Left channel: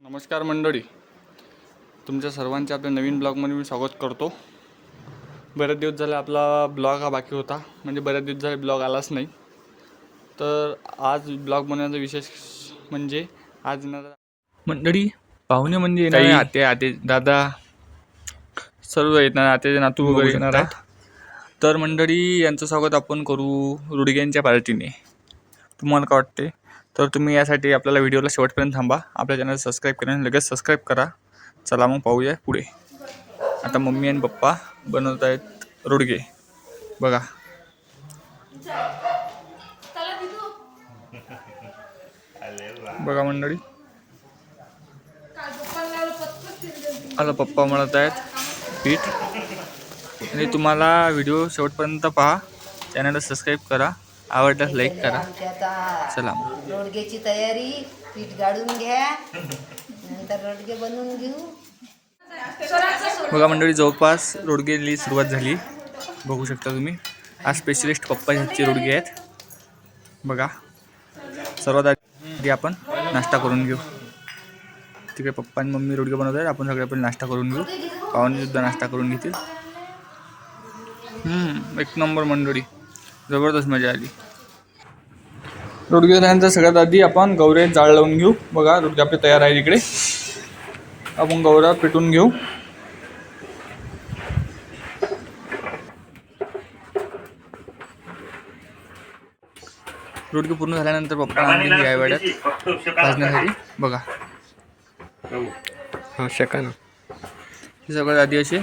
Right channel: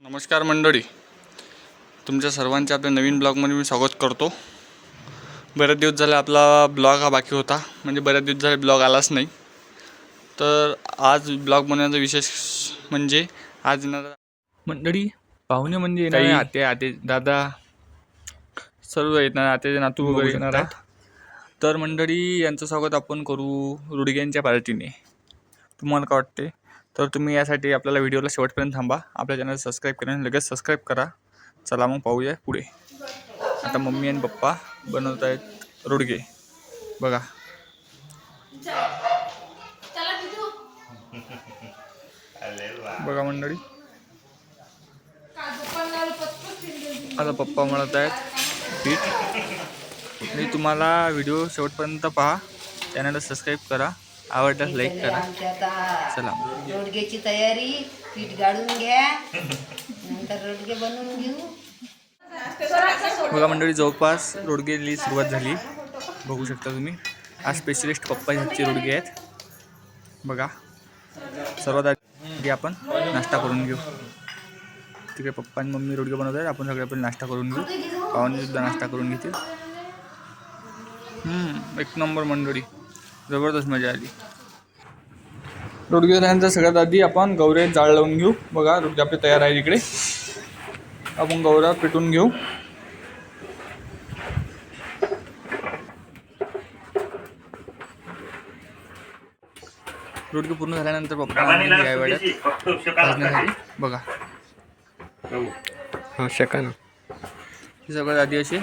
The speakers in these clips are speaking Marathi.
नमस्कार मंडळी. तुमच्या सर्वांचे आपल्या नवीन ब्लॉगमध्ये मी स्वागत करतो. बऱ्याच दिवस झाले आपला ब्लॉग हा बाकी होता. म्हणजे बऱ्याच दिवस झाले ब्लॉग आलाच नाही. तर आज ब्लॉग बनवण्याचा विशेष म्हणजे आज येणार मंडळी पाहुणे म्हणजे येणार आहे आते आते दादा सर्व येणार आते नातू वगैरे येणार आहेत. तर मंडळी यांचं स्वागत आपण करू रुडग्यांच्या पार्टीने तुम्हाला काय वाटते? तर तुम्ही यासाठी आपल्याला व्हिडिओला शेवटपर्यंत थांबा. आपल्या चॅनल सबस्क्राईब करा लगेच सबस्क्राईब करा. चला मग पाहूया पुढे. आता मम्मी आणि पप्पा बनवत आहेत रुडगे. बघा. बघा मंडळी. आता पप्पा म्हणत आहेत. पीठ मी तुम्हाला व्हिडिओ शेवटपर्यंत पहा. चॅनलला सबस्क्राईब करा. आवडल्यास लाईक करा. चला. रोडग्याची तयारी. पीठ गाळून घ्या. नंतर रोडगे बनवून घेऊ. बघा मंडळी जवळपास रोडगेली सुरुवात झाली. बघू शकता तुम्ही. आज स्पेशलिस्ट पप्पा ह्याचे रोडगे आहेत. बघा. सर्वात आधी आपण नाश्ता करून घेऊ. ठीक आहे पप्पा आणि मम्मी रोडगे बनवत आहेत. आपण सगळे पण नाश्ता करून घेऊ. पाहुणेसुद्धा नाश्ता करून घेतील. एक नंबर मंडळी. जबरदस्त मजा आली. रोडगे झाल्यानंतर सगळ्यात आधी आपण गौरे जाळ लावून घेऊ. बघा रोडगे आपले तयार आहे इकडे आपण गौरा पेटून घेऊ. रोडगे पूर्ण झाल्यानंतर पप्पा बघा. हा शका ना. हे सगळ्यात आधी असे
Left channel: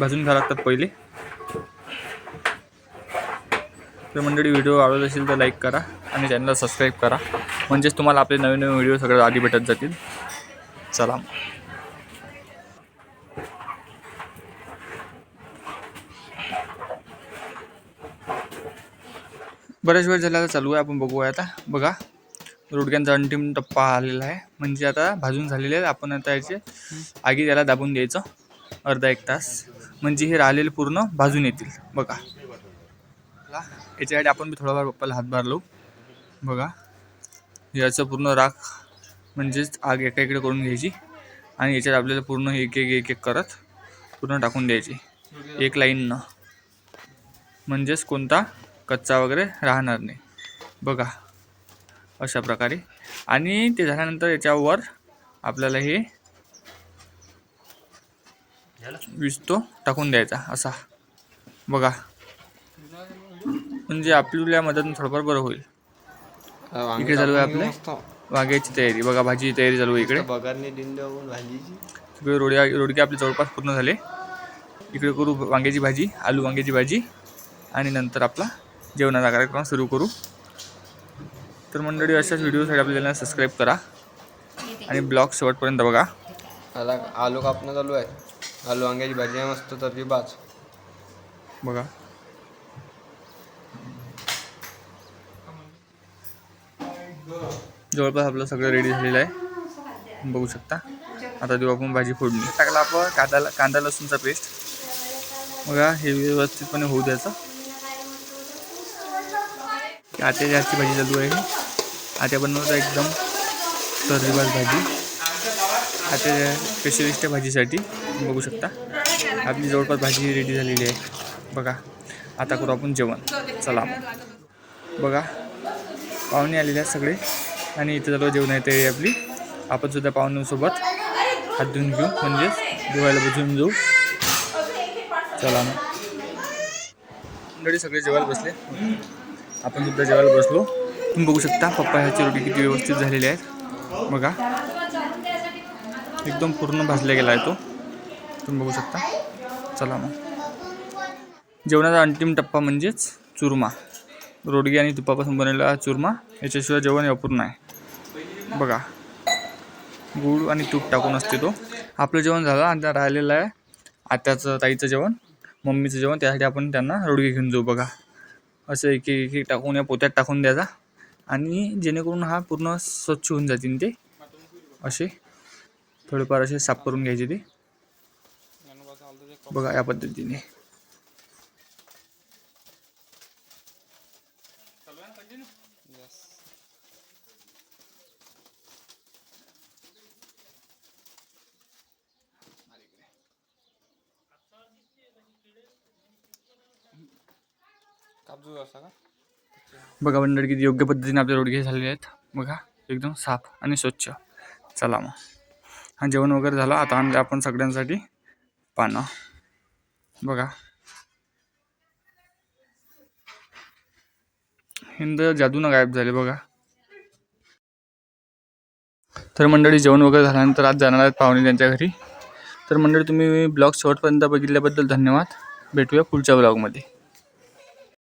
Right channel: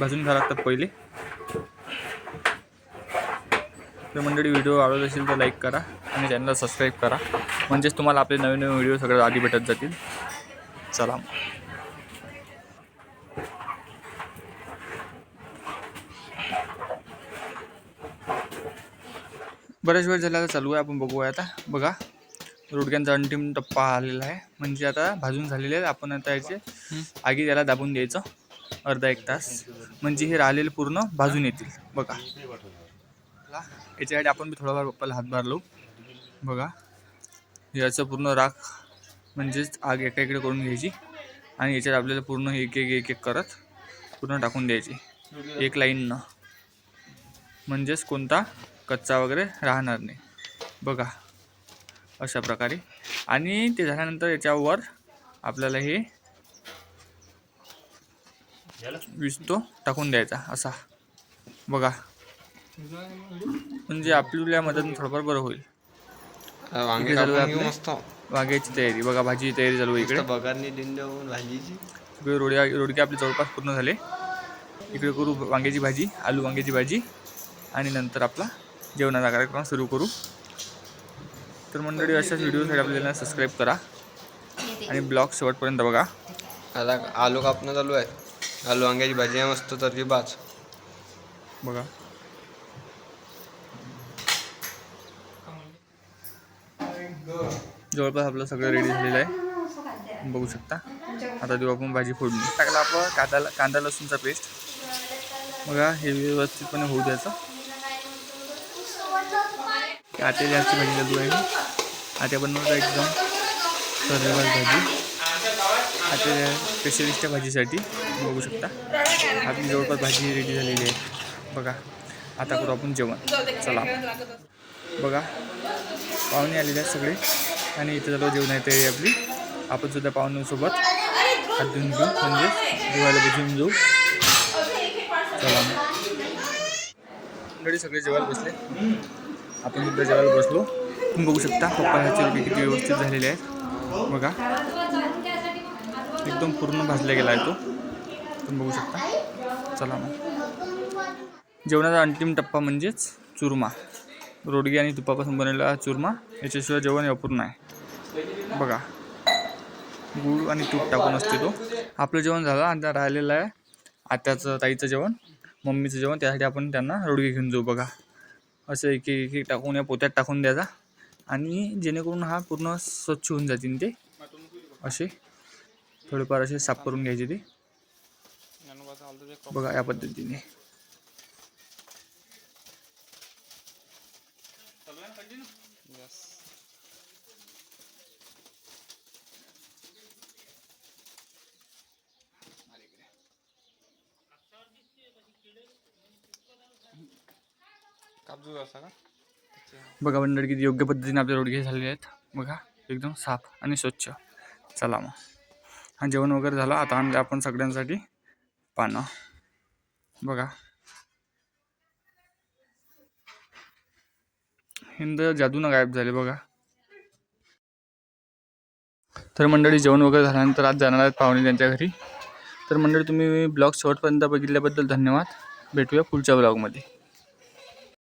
भाजून घ्यावं लागतात पहिले. तर मंडळी व्हिडिओ आवडत असेल तर लाईक करा आणि चॅनलला सबस्क्राईब करा. म्हणजेच तुम्हाला आपले नवीन नवीन व्हिडिओ सगळ्यात आधी भेटत जातील. चला. बऱ्याच वेळ झाला चालू आहे आपण बघूया आता. बघा रोडक्यांचा अंतिम टप्पा आलेला आहे. म्हणजे आता भाजून झालेले आहेत. आपण आता याचे आगी त्याला दाबून द्यायचं अर्धा एक तास. म्हणजे हे राहिलेले पूर्ण भाजून येतील. बघा. याच्यासाठी आपण बी थोडाफार पप्पाला हातभार लावू बघा. याचं पूर्ण राख म्हणजेच आग एका इकडे करून घ्यायची. आणि याच्यात आपल्याला पूर्ण एक एक एक एक करत पूर्ण टाकून द्यायची. एक लाईननं म्हणजेच कोणता? कच्चा वगैरे राहणार नाही. बघा अशा प्रकारे. आणि ते झाल्यानंतर याच्यावर आपल्याला हे विस्तो टाकून द्यायचा असा. बघा. म्हणजे आपल्या मदत थोडंफार बरं होईल. वांग्याची तयारी. बघा भाजीची तयारी चालू इकडे. भाजीची. रोड्या रोडके आपले जवळपास पूर्ण झाले. इकडे करू वांग्याची भाजी आलू वांग्याची भाजी आणि नंतर आपला जेवणाचा कार्यक्रम सुरू करू. तर मंडळी अशाच व्हिडिओसाठी आपल्या चॅनल सबस्क्राईब करा आणि ब्लॉग शेवटपर्यंत बघा. आता आलू कापणं चालू आहे. आलू वांग्याची भाजी आहे मस्त तर्री बाज बघा. जवळपास आपलं सगळं रेडी झालेलं आहे. बघू शकता. आता देऊ आपण भाजी फोडणी. टाकला आपण कांदा कांदा लसूणचा पेस्ट बघा हे व्यवस्थितपणे होऊ द्यायचं. आटे जास्त भाजी चालू आहे आट्या बनवतात एकदम तर्रीवार भाजी आटे स्पेशलिस्ट भाजीसाठी बघू शकता. आपली जवळपास भाजी रेडी झालेली आहे. बघा आता करू आपण जेवण. चला. बघा पाहुणे आलेले आहेत सगळे. आणि इथे सर्व जेवण येते आपली. आपण सुद्धा पाहुण्यांसोबत हात धुवून घेऊ. म्हणजे जेवायला बसून जाऊ. चला. सगळे जेवायला बसले? आपण सुद्धा जेवायला बसलो. तुम्ही बघू शकता पप्पा ह्याची रोटी किती व्यवस्थित झालेली आहेत. बघा. एकदम पूर्ण भाजला गेला आहे तो. तुम्ही बघू शकता. चला मग. जेवणाचा अंतिम टप्पा म्हणजेच चुरमा. रोडगी आणि तुपापासून बनवलेला चुरमा याच्याशिवाय जेवण अपूर्ण आहे. बघा. गूळ आणि तूप टाकून असते तो. आपलं जेवण झालं आणि त्या राहिलेलं आहे आत्याचं ताईचं जेवण मम्मीचं जेवण. त्यासाठी आपण त्यांना रोडगी घेऊन जाऊ. बघा. असं एक एक एक टाकून या पोत्यात टाकून द्यायचा आणि जेणेकरून हा पूर्ण स्वच्छ होऊन जातील ते. असे थोडेफार असे साफ करून घ्यायचे ते. बघा या पद्धतीने. कापजू असा का? बघा मंडळी किती योग्य पद्धतीने आपले रोडगे झालेले आहेत. बघा एकदम साफ आणि स्वच्छ. चला मग. हा जेवण वगैरे झालं. आता आणलं आपण सगळ्यांसाठी पानं. बघा. हिंद जादूनं गायब झाले बघा. तर मंडळी जेवण वगैरे झाल्यानंतर आज जाणार आहेत पाहुणे त्यांच्या घरी. तर मंडळी तुम्ही ब्लॉग शेवटपर्यंत बघितल्याबद्दल धन्यवाद. भेटूया पुढच्या ब्लॉगमध्ये.